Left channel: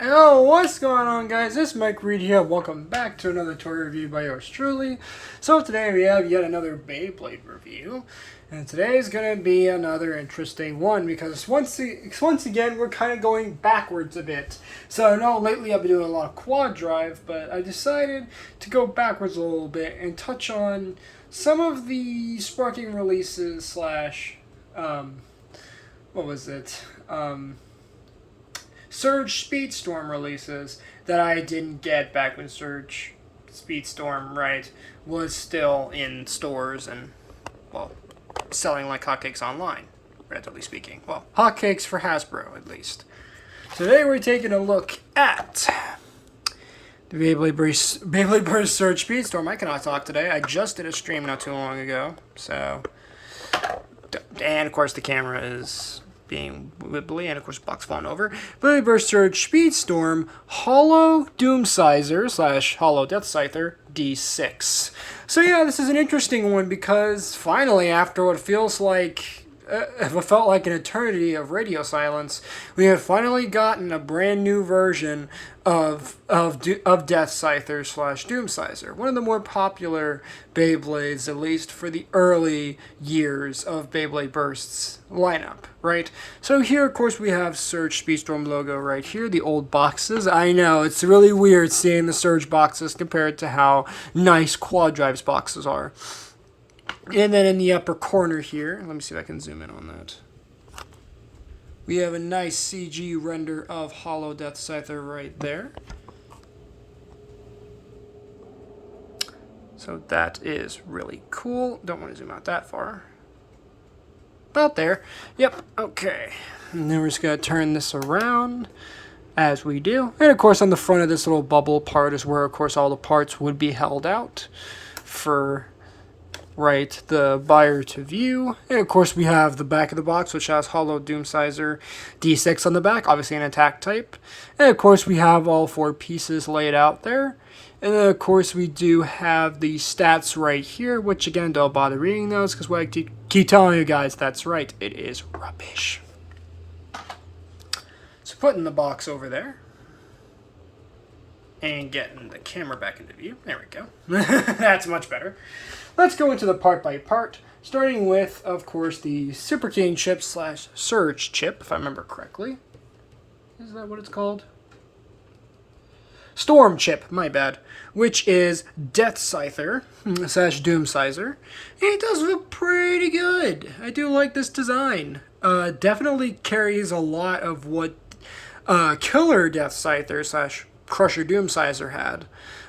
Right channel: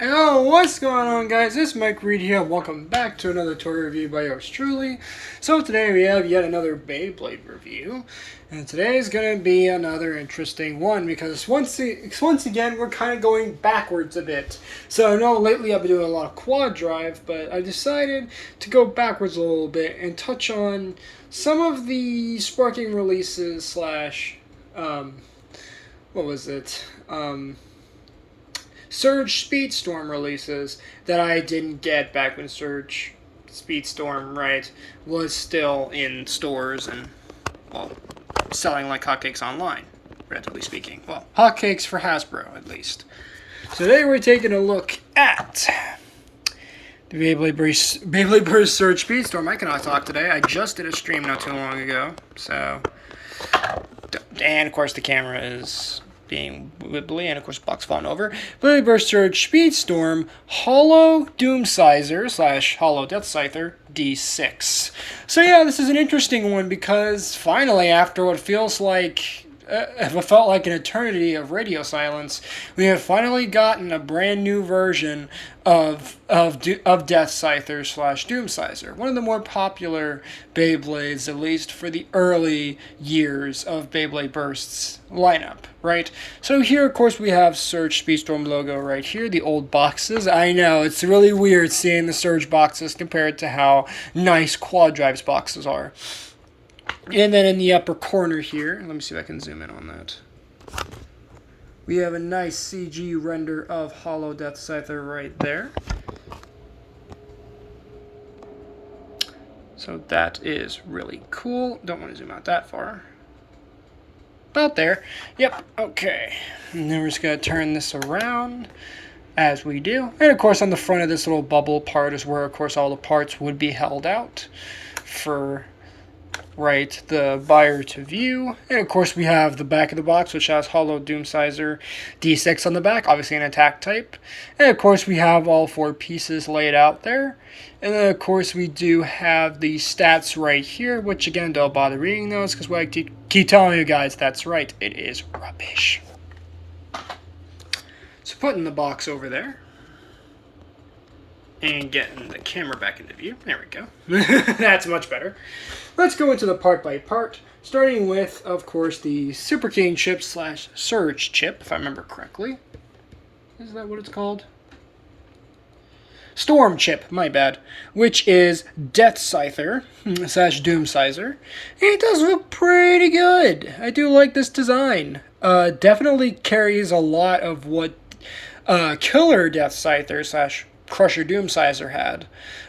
Hello, what's going on, guys? It's Mike Reed here. Welcome back to another toy review by yours truly. So today we have yet another Beyblade review, and today is going to be another interesting one because once again we're kind of going backwards a bit. So I know lately I've been doing a lot of quad drive, but I decided to go backwards a little bit and touch on some of the sparking releases slash what was it? Surge SpeedStorm releases that I didn't get back when Surge SpeedStorm, was still in stores and, well, selling like hotcakes online, relatively speaking. Well, hotcakes for Hasbro, at least. So today we're taking a look at the Beyblade Burst Surge SpeedStorm. I cannot talk today. I just did a stream not too long ago, so... And, of course, the camera is being wibbly, and of course box falling over. Beyblade Burst Surge SpeedStorm Hollow Doomscizor slash Hollow Deathscyther D6. So yeah, this is an interesting one because finally, after what feels like it felt like an eternity of radio silence, we have finally gotten a brand new version of Deathscyther slash Doomscizor, one of the more popular Beyblades, at least for the early years of Beyblade Burst's lineup, right? So here, of course, we have Surge SpeedStorm logo right here, the old boxes. I know, it's really weird seeing the Surge boxes compared to how nice Quad Drive's boxes are. And then in the upper corner here, let me see if I can zoom in on that. We have a nice CG render of Hollow Deathscyther right there. So that is really cool. Don't want to zoom out that far. About there. Yep, okay. And then we're just going to turn this around as we do. And of course on the front of this little bubble part is where of course all the parts would be held out for the buyer to view. And of course we have the back of the box, which has Hollow Doomscizor D6 on the back, obviously an attack type. And of course we have all four pieces laid out there. And then of course we do have the stats right here, which again, don't bother reading those because what I keep telling you guys, that's right, it is rubbish. So putting the box over there and getting the camera back into view. There we go. That's much better. Let's go into the part by part, starting with, of course, the Super King chip slash Surge chip, if I remember correctly. Is that what it's called? Storm chip, my bad, which is Deathscyther slash Doomscizor. And it does look pretty good. I do like this design. Definitely carries a lot of what Killer Deathscyther slash Crusher Doomscizor had,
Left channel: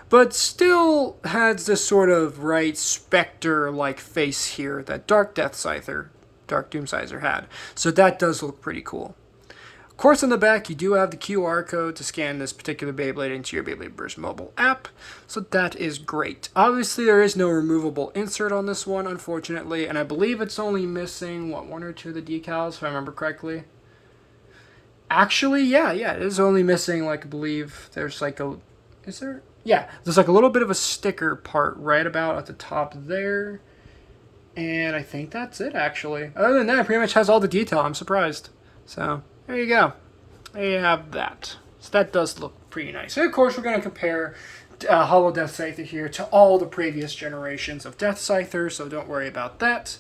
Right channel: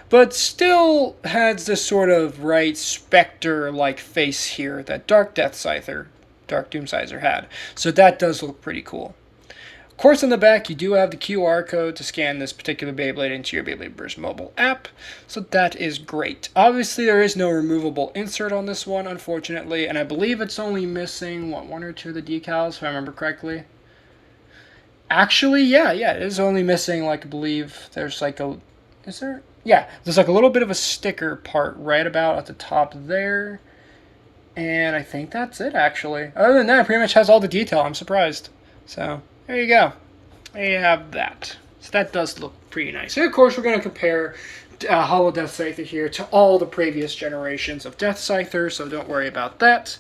but still has this sort of specter-like face here that Dark Doomscizor had. So that does look pretty cool. Of course, on the back, you do have the QR code to scan this particular Beyblade into your Beyblade Burst mobile app, so that is great. Obviously, there is no removable insert on this one, unfortunately, and I believe it's only missing, one or two of the decals, if I remember correctly. Actually, yeah, it is only missing, I believe there's is there? Yeah, there's a little bit of a sticker part right about at the top there. And I think that's it, actually. Other than that, it pretty much has all the detail. I'm surprised. So, there you go. There you have that. So that does look pretty nice. And of course, we're going to compare Hollow Deathscyther here to all the previous generations of Deathscyther, so don't worry about that.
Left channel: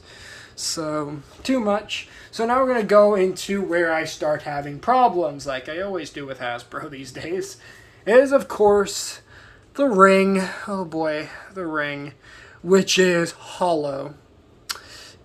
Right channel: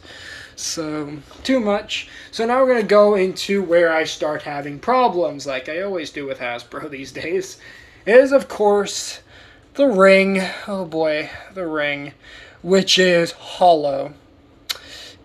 So, too much. So now we're going to go into where I start having problems, like I always do with Hasbro these days. Is, of course, the ring. Oh boy, the ring, which is hollow.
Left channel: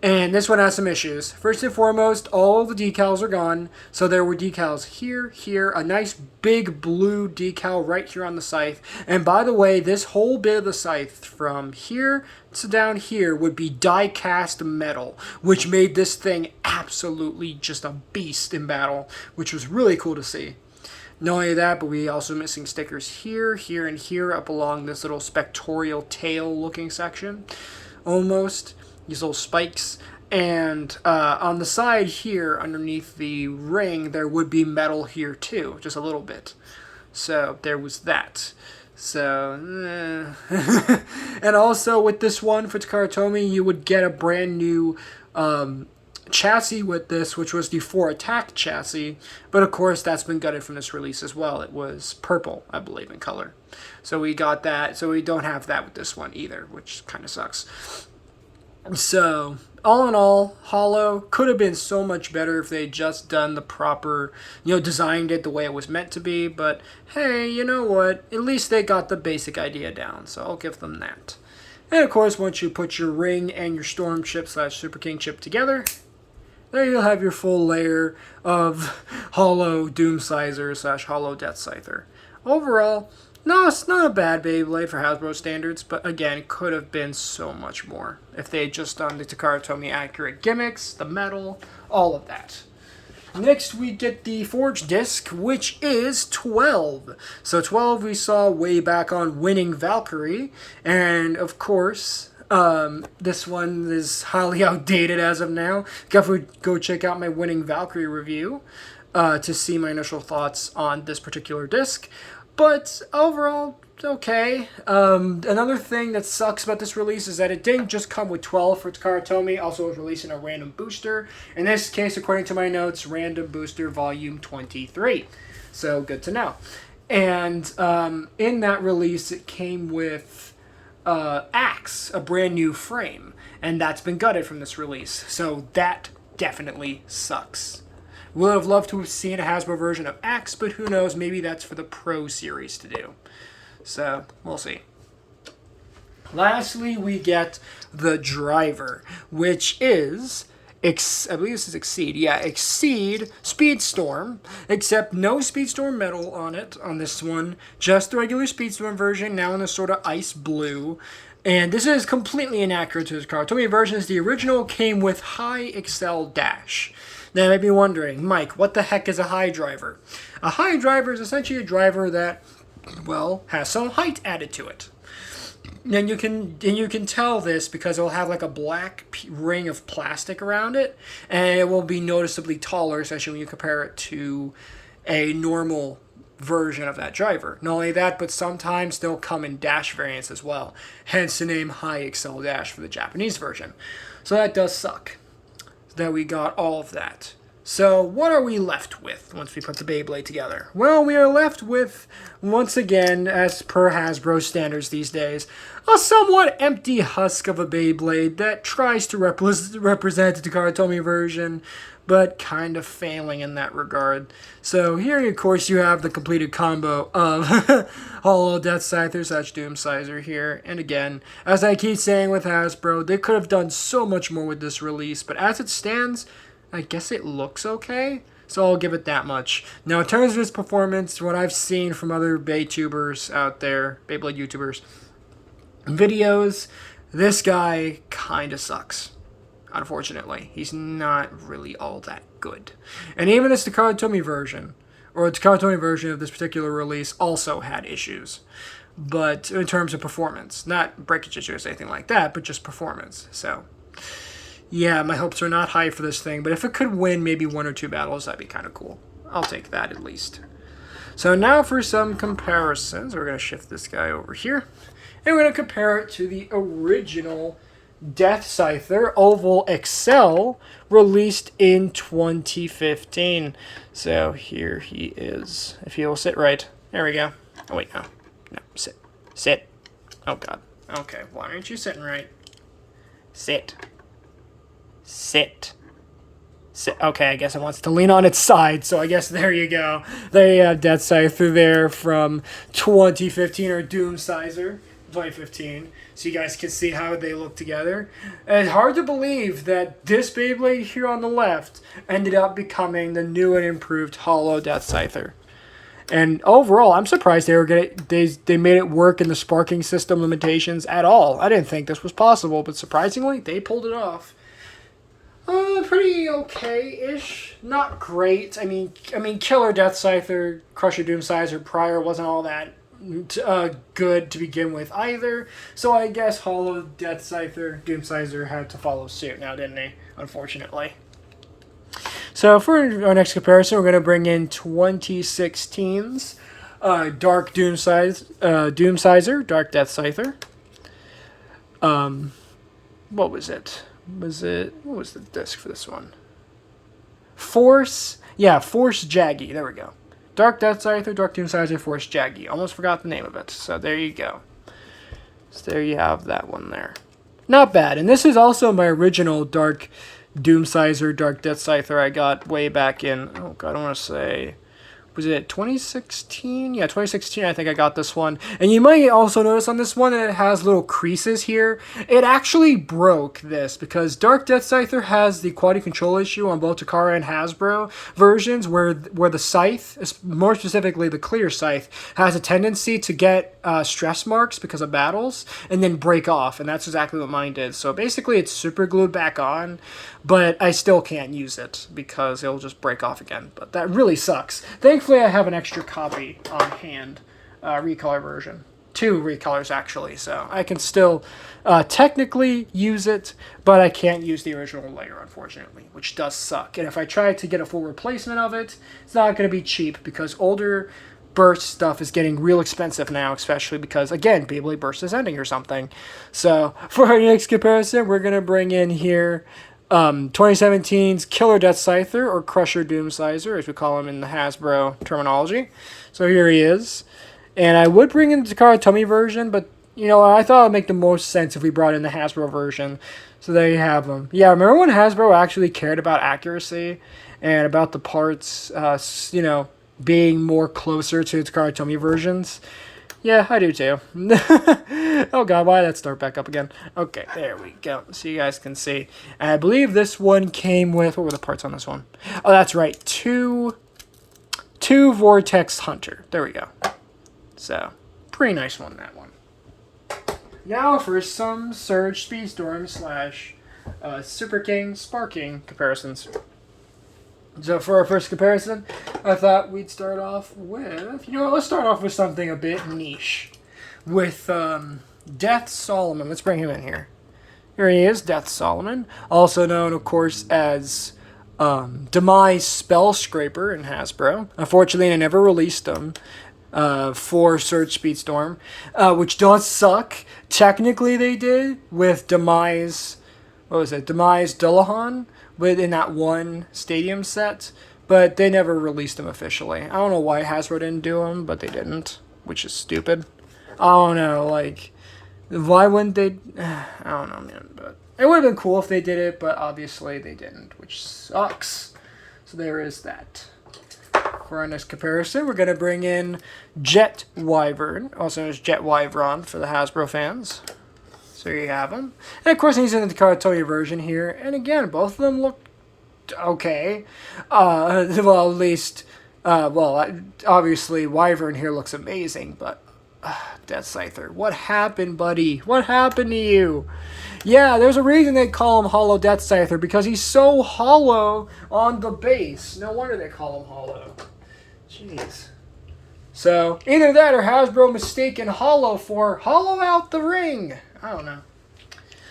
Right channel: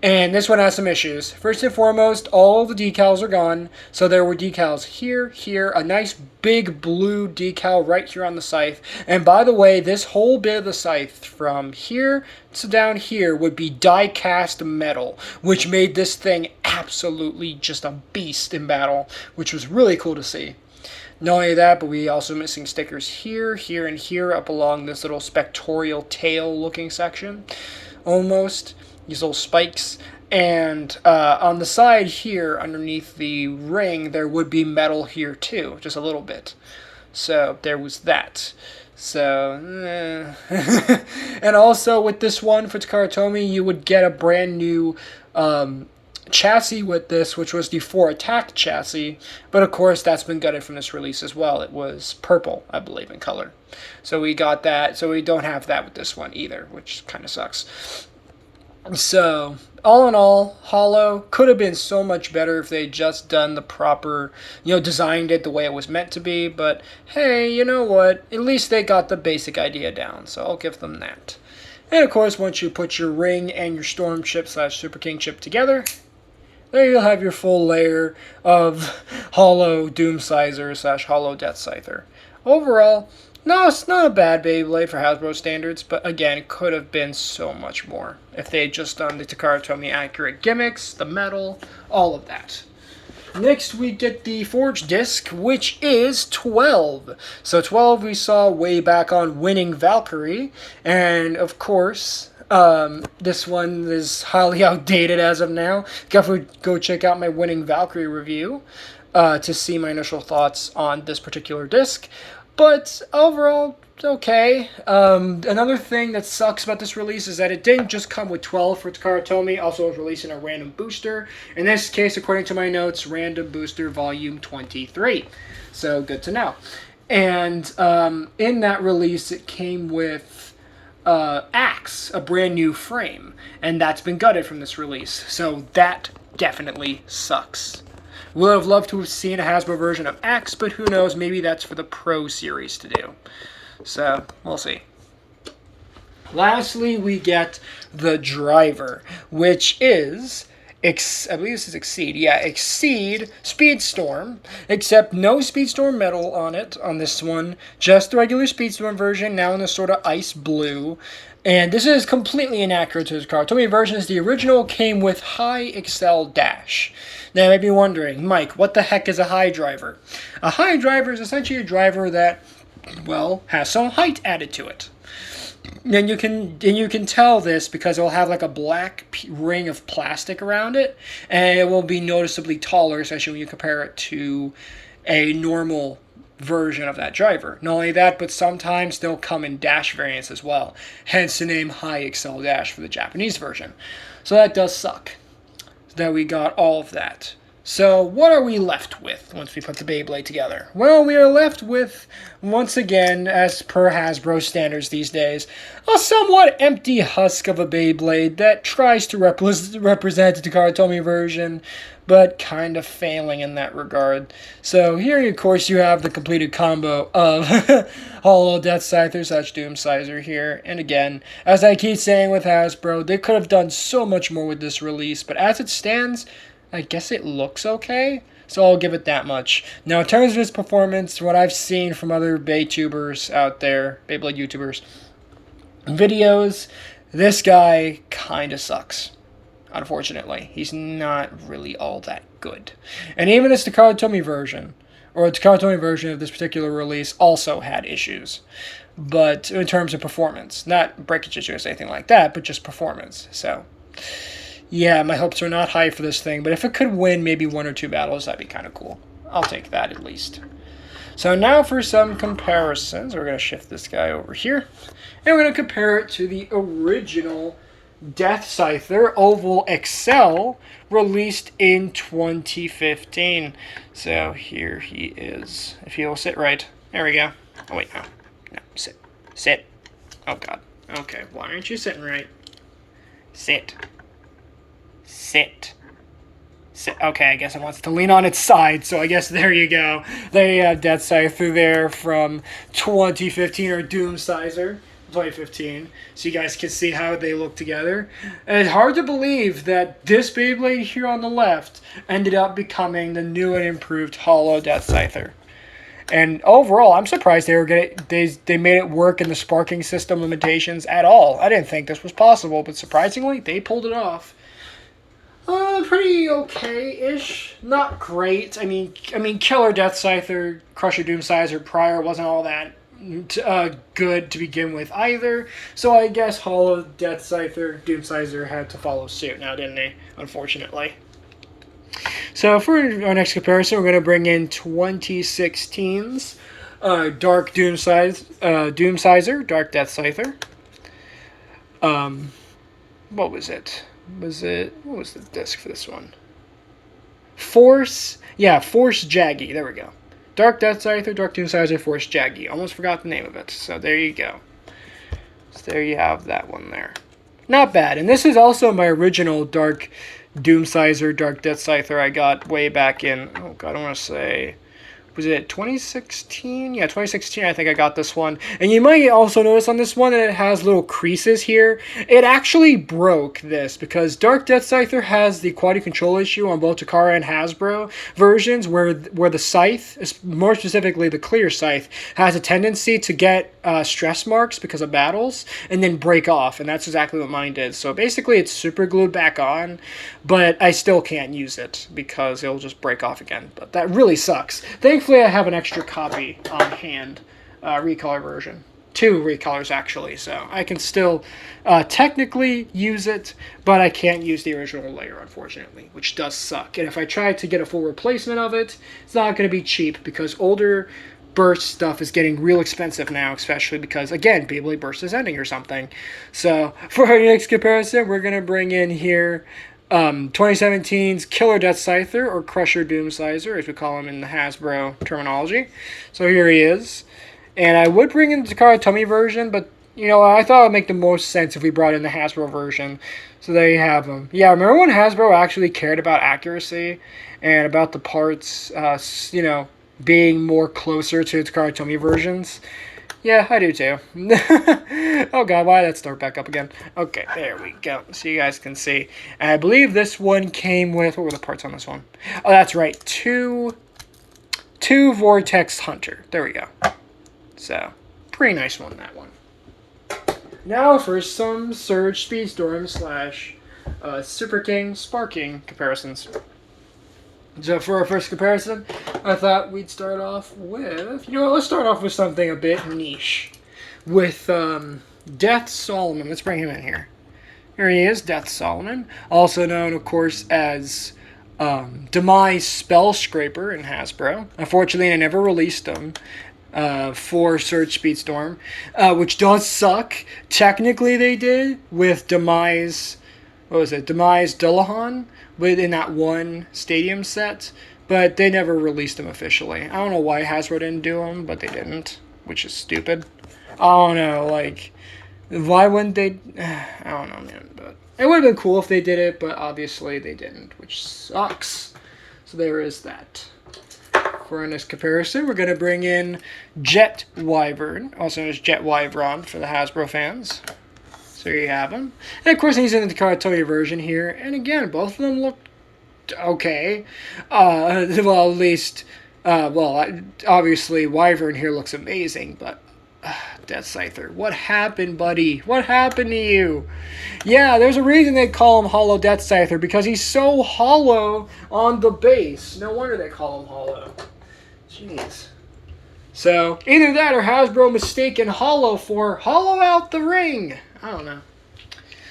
And this one has some issues. First and foremost, all the decals are gone. So there were decals here, a nice big blue decal right here on the scythe. And by the way, this whole bit of the scythe from here to down here would be die-cast metal, which made this thing absolutely just a beast in battle, which was really cool to see. Not only that, but we also missing stickers here, and here up along this little spectorial tail looking section, almost. These little spikes. And on the side here, underneath the ring, there would be metal here too, just a little bit. So there was that. So, and also with this one for Takara Tomy, you would get a brand new chassis with this, which was the 4 attack chassis, but of course that's been gutted from this release as well. It was purple, I believe, in color. So we got that, so we don't have that with this one either, which kind of sucks. So, all in all, Hollow could have been so much better if they just done the proper, designed it the way it was meant to be, but hey, you know what? At least they got the basic idea down, so I'll give them that. And of course, once you put your ring and your storm chip / Super King chip together, there you'll have your full layer of Hollow Doomscizor / Hollow Deathscyther. Overall, no, it's not a bad Beyblade for Hasbro standards, but again, it could have been so much more if they had just done the Takara Tomy accurate gimmicks, the metal, all of that. Next, we get the Forge Disc, which is 12. So 12 we saw way back on Winning Valkyrie, and of course, this one is highly outdated as of now. Definitely go check out my Winning Valkyrie review to see my initial thoughts on this particular disc. But overall, it's okay. Another thing that sucks about this release is that it didn't just come with 12 for Takara Tomy, also was releasing a random booster. In this case, according to my notes, random booster volume 23. So good to know. And in that release, it came with Axe, a brand new frame. And that's been gutted from this release. So that definitely sucks. Would have loved to have seen a Hasbro version of Axe, but who knows, maybe that's for the Pro Series to do. So, we'll see. Lastly, we get the driver, which is, I believe this is Exceed. Yeah, Exceed SpeedStorm, except no SpeedStorm metal on it, on this one. Just the regular SpeedStorm version, now in the sort of ice blue. And this is completely inaccurate to the Takara Tomy versions. The original came with High Excel Dash. Now, you may be wondering, Mike, what the heck is a high driver? A high driver is essentially a driver that, well, has some height added to it. And you can tell this because it will have like a black ring of plastic around it, and it will be noticeably taller, especially when you compare it to a normal version of that driver. Not only that, but sometimes they'll come in dash variants as well. Hence the name High Excel Dash for the Japanese version. So that does suck. That we got all of that. So what are we left with once we put the Beyblade together? Well, we are left with, once again, as per Hasbro standards these days, a somewhat empty husk of a Beyblade that tries to represent the Takara Tomy version, but kind of failing in that regard. So here, of course, you have the completed combo of Hollow Deathscyther / Doomscizor here. And again, as I keep saying with Hasbro, they could have done so much more with this release, but as it stands, I guess it looks okay, so I'll give it that much. Now, in terms of its performance, what I've seen from other Beytubers out there, Beyblade YouTubers, videos, this guy kind of sucks. Unfortunately, he's not really all that good. And even this Takara Tomy version, or the Takara Tomy version of this particular release, also had issues. But in terms of performance, not breakage issues or anything like that, but just performance. So, yeah, my hopes are not high for this thing, but if it could win maybe 1 or 2 battles, that'd be kind of cool. I'll take that at least. So now for some comparisons. We're going to shift this guy over here, and we're going to compare it to the original Deathscyther Oval XL, released in 2015. So here he is. If he will sit right. There we go. Oh, wait, no. No, sit. Sit. Oh, God. Okay, why aren't you sitting right? Sit. Sit. Sit. Okay, I guess it wants to lean on its side, so I guess there you go. There you have Deathscyther there from 2015, or Doomscizor 2015, so you guys can see how they look together. And it's hard to believe that this Beyblade here on the left ended up becoming the new and improved Hollow Deathscyther. And overall, I'm surprised they made it work in the sparking system limitations at all. I didn't think this was possible, but surprisingly, they pulled it off. Pretty okay-ish. Not great. I mean, Killer Deathscyther, Crusher Doomscizor prior wasn't all that good to begin with either. So I guess Hollow Deathscyther, Doomscizor had to follow suit now, didn't they? Unfortunately. So for our next comparison, we're going to bring in 2016's Dark Doomscizor, Dark Deathscyther. What was it? Was it, what was the disc for this one? Force, yeah, Force Jaggy, there we go. Dark Deathscyther, Dark Doomscizor, Force Jaggy. Almost forgot the name of it, so there you go. So there you have that one there. Not bad, and this is also my original Dark Doomscizor, Dark Deathscyther I got way back in, oh god, I want to say, was it 2016? Yeah, 2016 I think I got this one. And you might also notice on this one that it has little creases here. It actually broke this because Dark Deathscyther has the quality control issue on both Takara and Hasbro versions where the scythe, more specifically the clear scythe, has a tendency to get stress marks because of battles and then break off. And that's exactly what mine did. So basically it's super glued back on, but I still can't use it because it'll just break off again. But that really sucks. Thankfully, I have an extra copy on hand, recolor version. 2 recolors, actually, so I can still technically use it, but I can't use the original layer, unfortunately, which does suck. And if I try to get a full replacement of it, it's not going to be cheap, because older Burst stuff is getting real expensive now, especially because, again, Beyblade Burst is ending or something. So, for our next comparison, we're going to bring in here 2017's Killer Deathscyther, or Crusher Doomscizor, as we call him in the Hasbro terminology. So here he is. And I would bring in the Takara Tomy version, but, you know, I thought it would make the most sense if we brought in the Hasbro version. So there you have him. Yeah, remember when Hasbro actually cared about accuracy and about the parts, you know, being more closer to the Takara Tomy versions? Yeah, I do too. Oh god, why did that start back up again? Okay, there we go. So you guys can see. And I believe this one came with, what were the parts on this one? Oh, that's right, two Vortex Hunter. There we go. So, pretty nice one, that one. Now for some Surge SpeedStorm / Super King Sparking comparisons. So for our first comparison, I thought we'd start off with, you know what, let's start off with something a bit niche. With Death Solomon. Let's bring him in here. Here he is, Death Solomon. Also known, of course, as Demise Spell Scraper in Hasbro. Unfortunately, they never released him for Surge SpeedStorm, which does suck. Technically, they did with Demise, what was it, Demise Dullahan, within that one stadium set, but they never released them officially. I don't know why Hasbro didn't do them, but they didn't, which is stupid. I don't know, like, why wouldn't they? I don't know, man, but it would have been cool if they did it, but obviously they didn't, which sucks. So there is that. For our next comparison, we're going to bring in Jet Wyvern, also known as Jet Wyvron for the Hasbro fans. So here you have him. And of course, he's in the Takara Tomy version here. And again, both of them look okay. Well, at least, obviously, Wyvern here looks amazing, but Deathscyther, what happened, buddy? What happened to you? Yeah, there's a reason they call him Hollow Deathscyther, because he's so hollow on the base. No wonder they call him Hollow. Jeez. So, either that or Hasbro mistaken Hollow for Hollow Out the Ring. I don't know.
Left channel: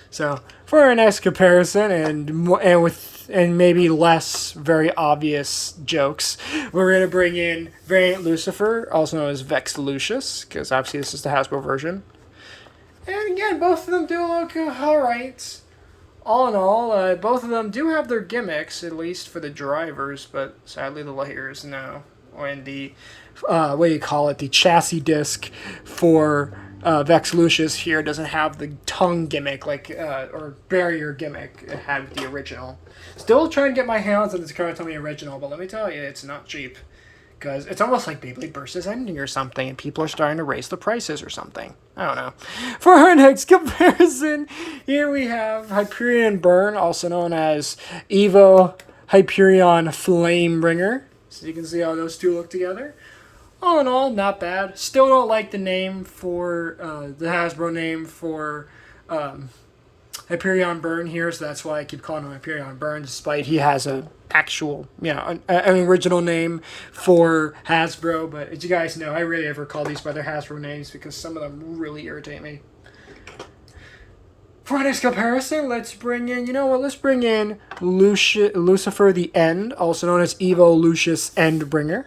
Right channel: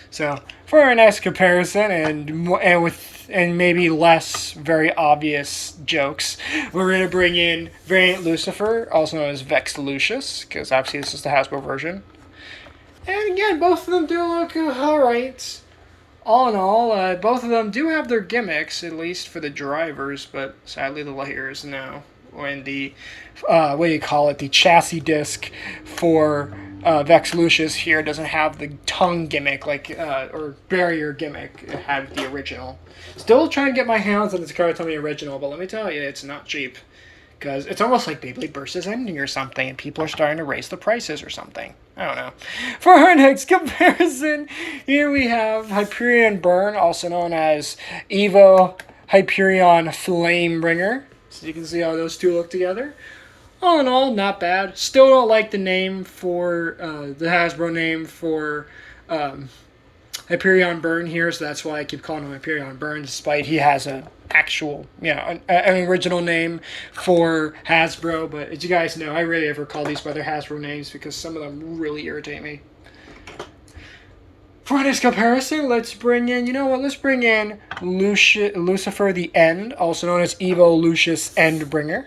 So, for our next comparison, and maybe less very obvious jokes, we're going to bring in Variant Lucifer, also known as Vex Lucius, because obviously this is the Hasbro version. And again, both of them do look alright. All in all, both of them do have their gimmicks, at least for the drivers, but sadly the layers now. And the, the chassis disc for Vex Lucius here doesn't have the tongue gimmick, or barrier gimmick it had with the original. Still trying to get my hands on the Takara Tomy original, but let me tell you, it's not cheap. Because it's almost like Beyblade Burst is ending or something, and people are starting to raise the prices or something. I don't know. For our next comparison, here we have Hyperion Burn, also known as Evo Hyperion Flamebringer. So you can see how those two look together. All in all, not bad. Still don't like the name for, the Hasbro name for Hyperion Burn here, so that's why I keep calling him Hyperion Burn, despite he has an actual, an original name for Hasbro. But as you guys know, I rarely ever call these by their Hasbro names because some of them really irritate me. For this comparison, let's bring in, let's bring in Lucifer the End, also known as Evo Lucius Endbringer.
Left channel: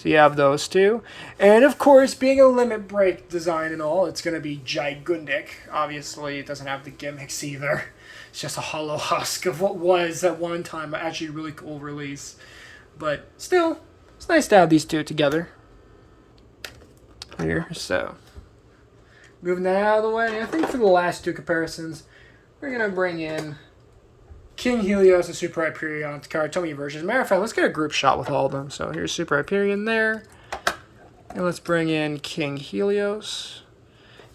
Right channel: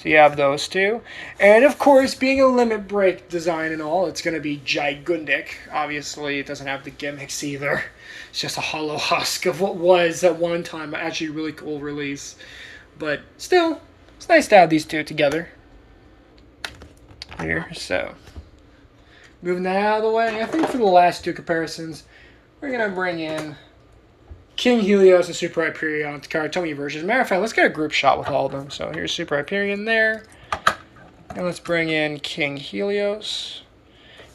So you have those two. And of course, being a limit break design and all, it's going to be gigantic. Obviously, it doesn't have the gimmicks either. It's just a hollow husk of what was at one time actually a really cool release. But still, it's nice to have these two together. Here, so. Moving that out of the way, I think for the last two comparisons, we're going to bring in King Helios and Super Hyperion Karatomi versions. As a matter of fact, let's get a group shot with all of them. So here's Super Hyperion there. And let's bring in King Helios.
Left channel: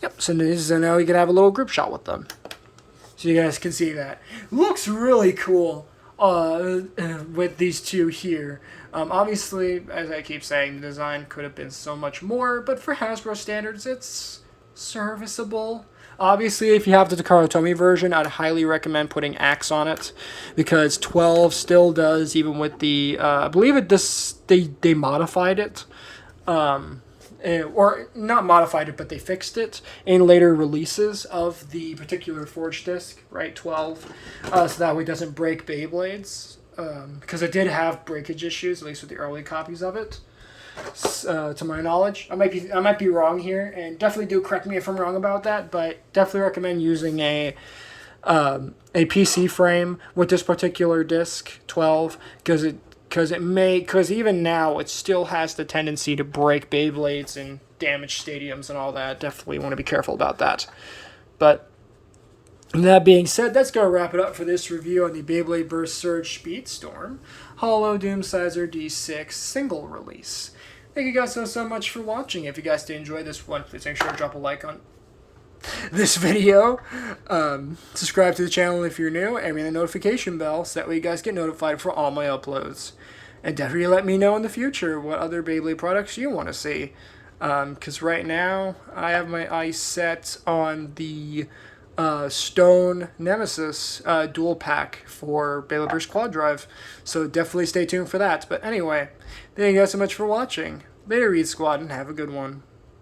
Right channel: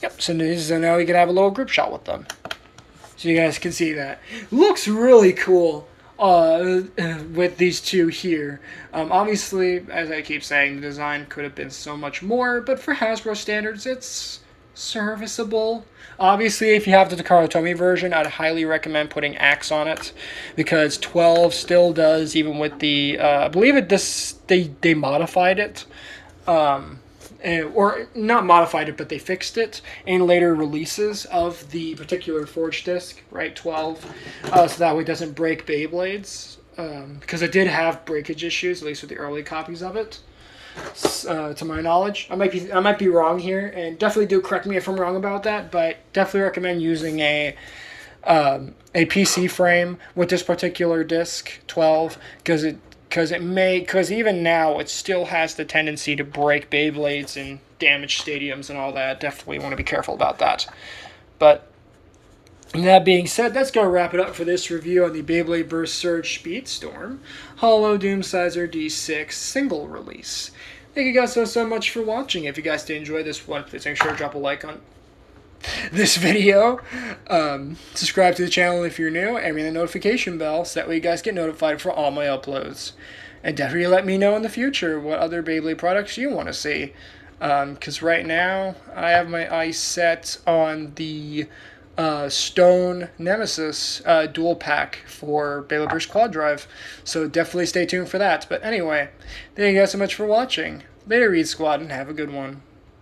Yep, so now we can have a little group shot with them. So you guys can see that. Looks really cool with these two here. Obviously, as I keep saying, the design could have been so much more, but for Hasbro standards, it's serviceable. Obviously, if you have the Takara Tomy version, I'd highly recommend putting Axe on it, because 12 still does, even with the, I believe they modified it, or not modified it, but they fixed it in later releases of the particular Forge disc, right, 12, so that way it doesn't break Beyblades, because it did have breakage issues, at least with the early copies of it. To my knowledge, I might be wrong here, and definitely do correct me if I'm wrong about that. But definitely recommend using a PC frame with this particular disc 12, because even now it still has the tendency to break Beyblades and damage stadiums and all that. Definitely want to be careful about that. But that being said, that's going to wrap it up for this review on the Beyblade Burst Surge SpeedStorm Holo Doomscizor D6 single release. Thank you guys so much for watching. If you guys did enjoy this one, please make sure to drop a like on this video. Subscribe to the channel if you're new, and ring the notification bell so that way you guys get notified for all my uploads. And definitely let me know in the future what other Beyblade products you want to see. Because right now, I have my eyes set on the Stone Nemesis dual pack for Beyblade Burst Quad Drive, so definitely stay tuned for that. But anyway, thank you guys so much for watching. Later, Reed Squad, and have a good one.